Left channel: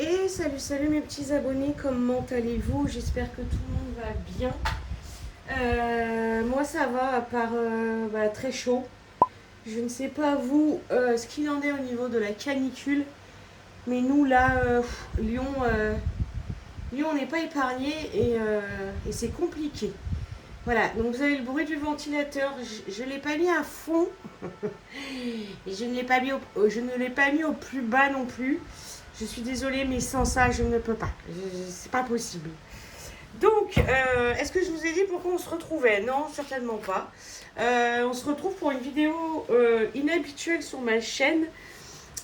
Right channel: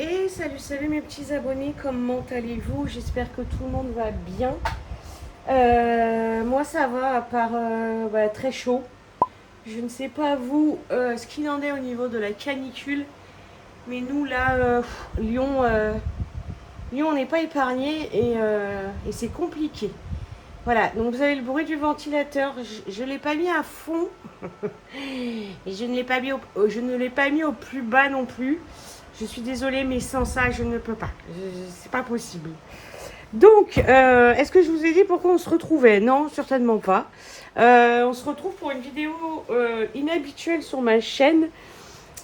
Et salut, salut mes petits abonnés, comment allez-vous? J'espère que tout le monde va bien. Moi ça va, à part très chaud. Je ne sais pas vous ce qu'il en est au niveau de la canicule, mais nous là, Lyon, Lyon on n'est pas épargné et c'est compliqué. Voilà, donc vous avez le bruit du ventilateur, je ne l'ai pas mis à fond et je ne l'ai pas mis au plus bas non plus. Je suis désolée, mais sans ça, je ne peux pas. C'est pas possible. Donc, est-ce que je vous ai dit pourquoi on se retrouvait? Non, certainement pas. On se retrouve pour une vidéo inhabituelle sur ma chaîne.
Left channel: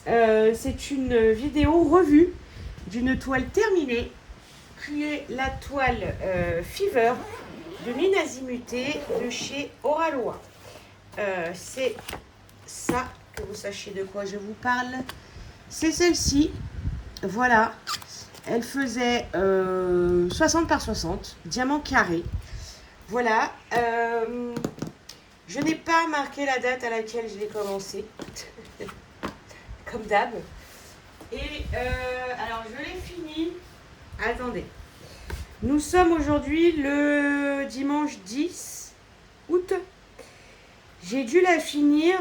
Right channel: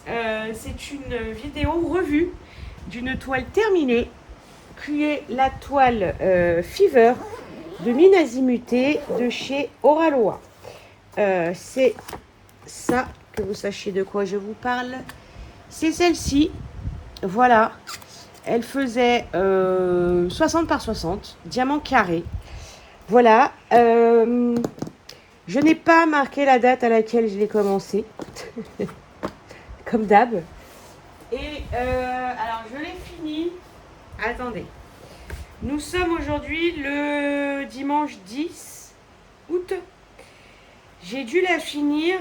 C'est une vidéo revue d'une toile terminée, qui est la toile Fever de Minazimuté de chez Oraloa. C'est ça, que vous sachiez de quoi je vous parle. C'est celle-ci. Voilà. Elle faisait 60 par 60, diamant carré. Voilà. Je n'ai pas marqué la date à laquelle je l'ai commencé. Comme d'hab. Et alors, je l'ai fini. Attendez. Nous sommes aujourd'hui le dimanche 10 août. J'ai dû la finir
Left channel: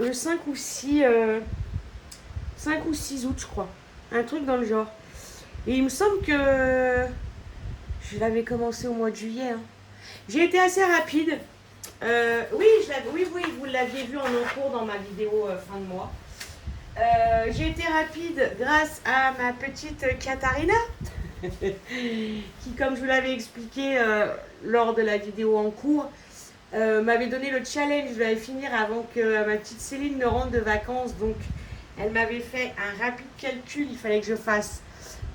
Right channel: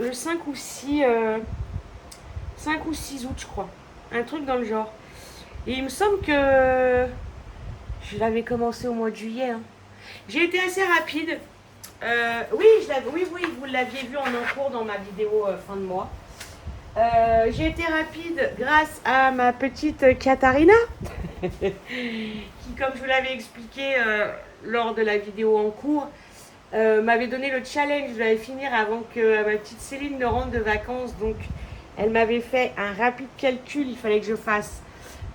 le 5 ou 6 août, je crois. Un truc dans le genre. Et il me semble que je l'avais commencé au mois de juillet. Hein. J'ai été assez rapide. Oui, vous l'aviez vu en encours dans ma vidéo fin de mois. J'ai été rapide grâce à ma petite Katharina, qui, comme je vous l'avais expliqué lors de la vidéo en cours, m'avait donné le challenge. Je l'avais finir avant que ma petite Céline ne rentre de vacances. Donc, elle m'avait fait un rapide calcul. Il fallait que je fasse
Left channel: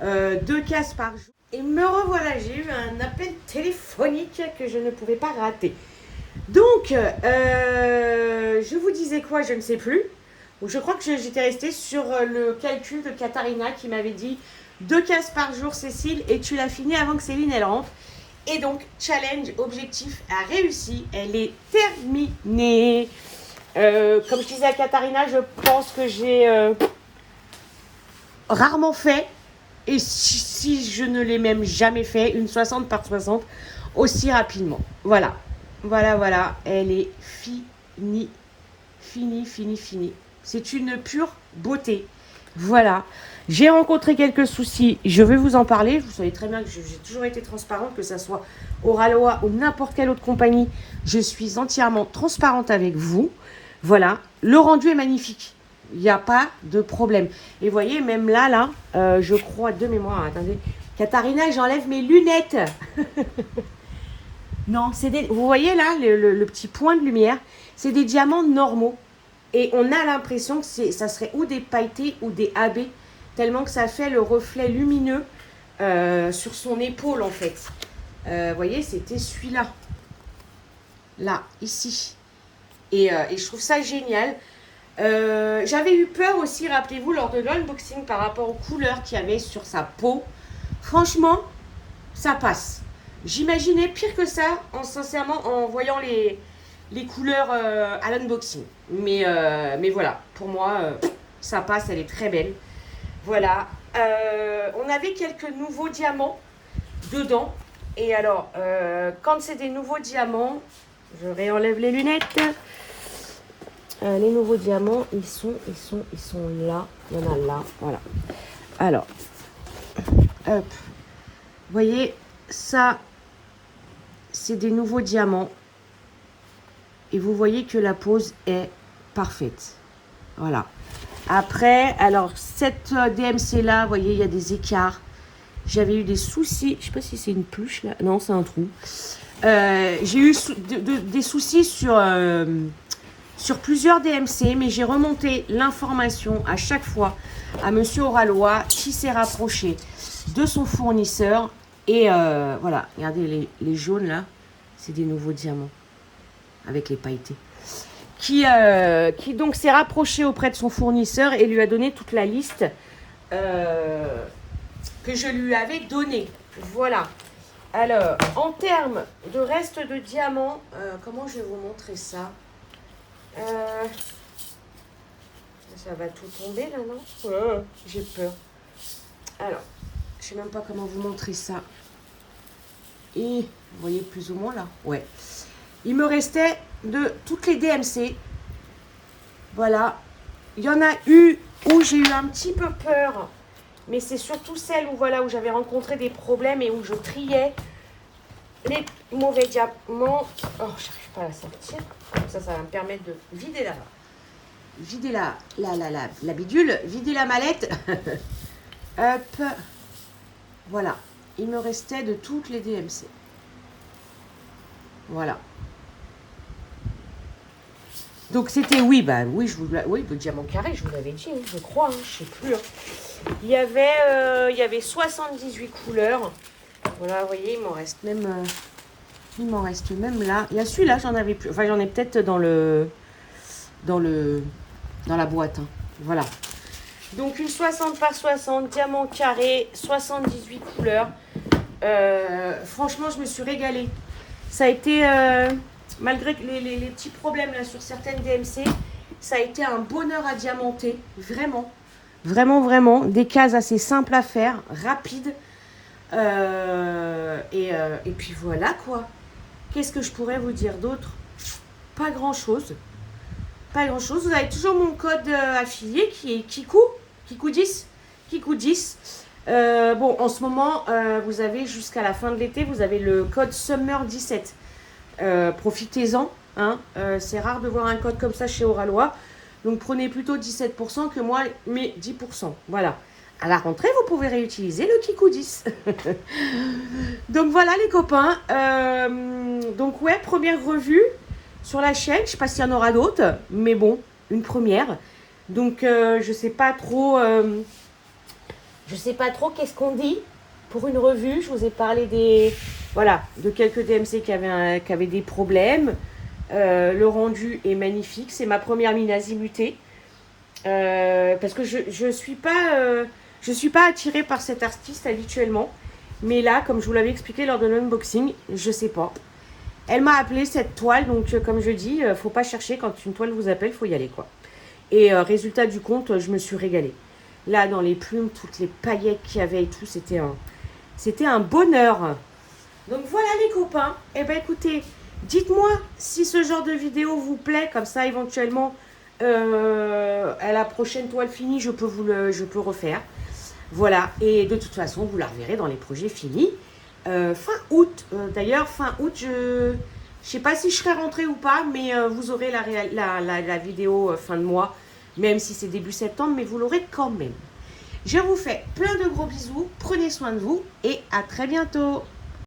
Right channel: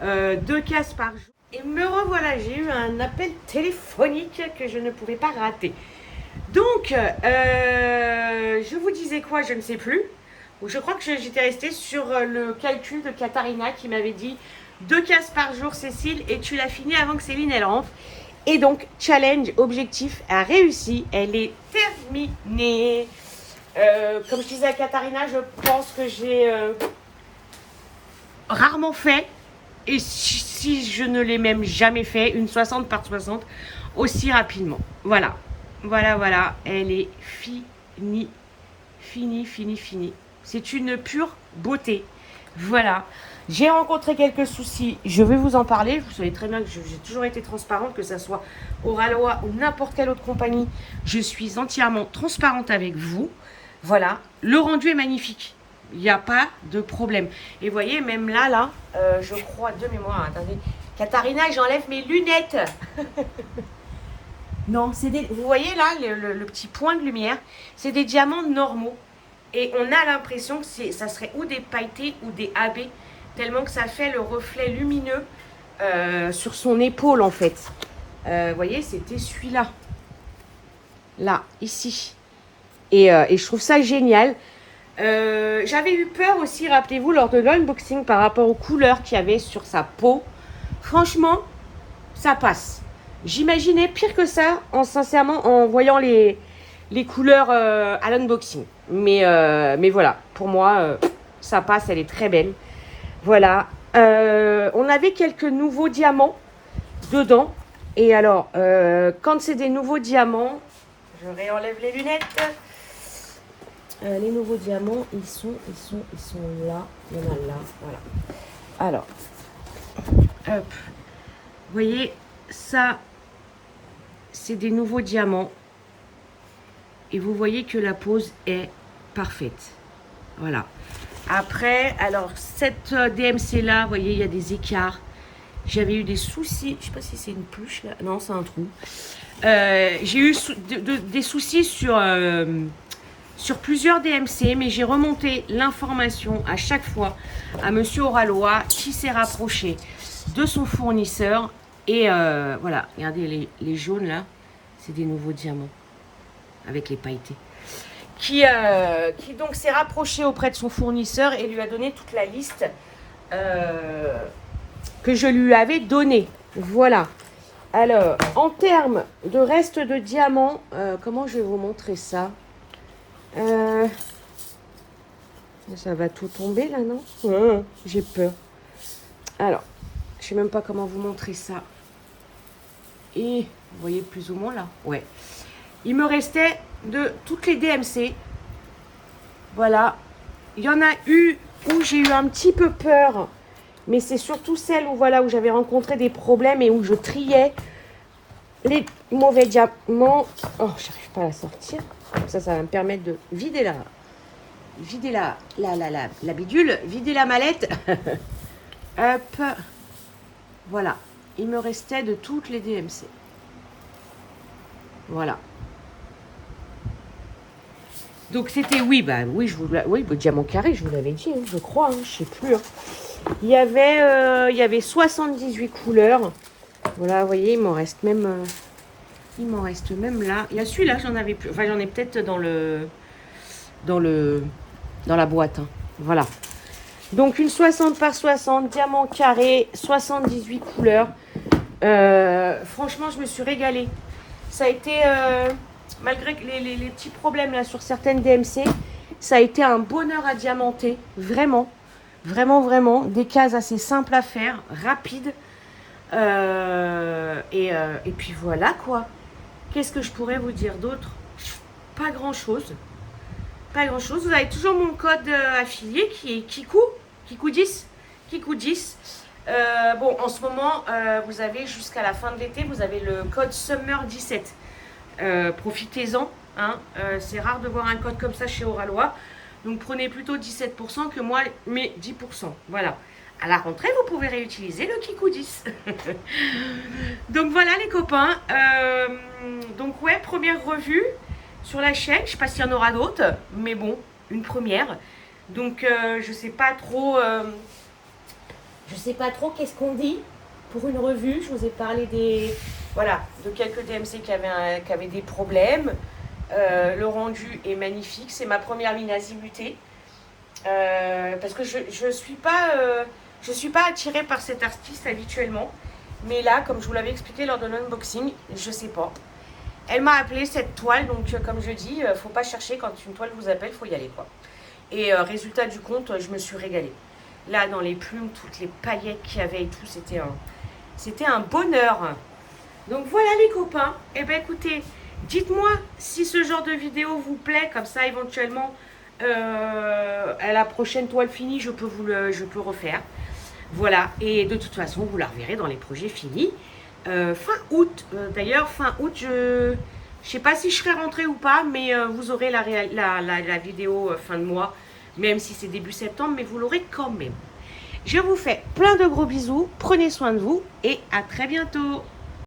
2 cases par jour. Et me revoilà, j'ai eu un appel téléphonique que je ne pouvais pas rater. Donc, je vous disais quoi, je ne sais plus. Je crois que j'étais restée sur le calcul de Katharina qui m'avait dit 2 cases par jour, Cécile, et tu l'as fini avant que Céline elle rentre. Et donc, challenge, objectif a réussi. Elle est terminée. Comme je disais à Katharina, je pense que j'ai rarement fait, et si je ne l'ai même jamais fait, une 60 par 60 aussi rapidement. Voilà. Voilà. Elle est finie. Finie. C'est une pure beauté. Voilà. J'ai rencontré quelques soucis. Je vais vous en parler. Vous savez très bien que j'ai toujours été transparente, que ce soit Oraloa ou n'importe quelle autre compagnie. Je suis entièrement transparente avec vous. Voilà. Le rendu est magnifique. Il n'y a pas de problème. Et vous voyez, même là, je crois de mémoire. Attendez. Katharina, j'enlève mes lunettes. Non, vous voyez là, le petit point de lumière, c'est des diamants normaux. Et on a l'impression que ça serait ou des pailletés ou des AB, tellement que ça fait le reflet lumineux sur son épaule en fait. Vous voyez, c'était celui-là. Là, ici. Et je trouve ça génial. J'avais eu peur aussi, rappelez-vous, lors de l'unboxing par rapport aux couleurs qu'il y avait sur sa peau. Franchement, ça passe. J'imaginais pire que ça, sincèrement, en voyant les couleurs à l'unboxing. Mais voilà, pour moi, ça passe, elle est très belle. Voilà. On avait quelques nouveaux diamants dedans. Et alors, quand c'est des nouveaux diamants, je réenlève les lunettes. Les nouveaux diamants, ils sont là. Il y en a là. Voilà. Alors, hop. Vous voyez, ça, c'est des nouveaux diamants. Et vous voyez que la pose est parfaite. Voilà. Après, alors, cette DMC là, vous voyez, il y a des écarts. J'avais eu des soucis. Je ne sais pas si c'est une pluche là. Non, c'est un trou. J'ai eu des soucis sur plusieurs DMC, mais j'ai remonté l'information à chaque fois à Monsieur Oraloa qui s'est rapproché de son fournisseur. Et voilà, regardez les jaunes là, c'est des nouveaux diamants avec les pailletés. Qui donc s'est rapproché auprès de son fournisseur et lui a donné toute la liste que je lui avais donnée. Voilà. Alors, en termes de reste de diamants, comment je vais vous montrer ça? Ça va tout tomber là, non? J'ai peur. Alors, je sais même pas comment vous montrer ça. Et vous voyez plus ou moins là. Ouais. Il me restait de toutes les DMC. Voilà. Il y en a eu où j'ai eu un petit peu peur. Mais c'est surtout celle où, voilà, où j'avais rencontré des problèmes et où je triais les mauvais diamants. Oh, j'arrive pas à la sortir. Ça va me permettre de vider la bidule, vider la mallette. Hop. Voilà. Il me restait de toutes les DMC. Voilà. Donc c'était, oui, oui, oui, le diamant carré, je vous l'avais dit, hein, je crois, hein, je sais plus. Hein. Il y avait 78 couleurs. Voilà, vous voyez, il m'en reste même là. Il y a celui-là, j'en avais plus. Enfin, j'en ai peut-être dans la boîte. Hein. Voilà. Donc une 60 par 60, diamant carré, 78 couleurs. Franchement, je me suis régalée. Ça a été, malgré les petits problèmes là sur certaines DMC, ça a été un bonheur à diamanter. Vraiment, vraiment, vraiment. Des cases assez simples à faire, rapides. Et puis voilà quoi. Qu'est-ce que je pourrais vous dire d'autre? Pas grand-chose. Pas grand-chose. Vous avez toujours mon code affilié qui est Kikou10. Kikou10. Bon, en ce moment, vous avez jusqu'à la fin de l'été, vous avez le code Summer17. Profitez-en. Hein. C'est rare de voir un code comme ça chez Oralois. Donc prenez plutôt 17% que moi, mes 10%. Voilà. À la rentrée, vous pouvez réutiliser le Kikou10. Donc voilà les copains. Donc ouais, première revue sur la chaîne. Je ne sais pas s'il y en aura d'autres. Mais bon, une première. Donc je sais pas trop. Je sais pas trop qu'est-ce qu'on dit pour une revue. Je vous ai parlé de quelques DMC qui avaient des problèmes. Le rendu est magnifique. C'est ma première mine azimutée. Parce que je suis pas attirée par cet artiste habituellement. Mais là, comme je vous l'avais expliqué lors de l'unboxing, je sais pas. Elle m'a appelé cette toile. Donc comme je dis, faut pas chercher. Quand une toile vous appelle, faut y aller quoi. Et résultat du compte, je me suis régalée. Là, dans les plumes, toutes les paillettes qu'il y avait et tout, c'était un bonheur. Donc voilà les copains. Eh bien écoutez, dites-moi si ce genre de vidéo vous plaît. Comme ça, éventuellement, à la prochaine toile finie, je peux refaire. Voilà. Et de toute façon, vous la reverrez dans les projets finis. Fin août. D'ailleurs, fin août, je sais pas si je serai rentrée ou pas, mais vous aurez la vidéo fin de mois. Même si c'est début septembre, mais vous l'aurez quand même. Je vous fais plein de gros bisous, prenez soin de vous et à très bientôt.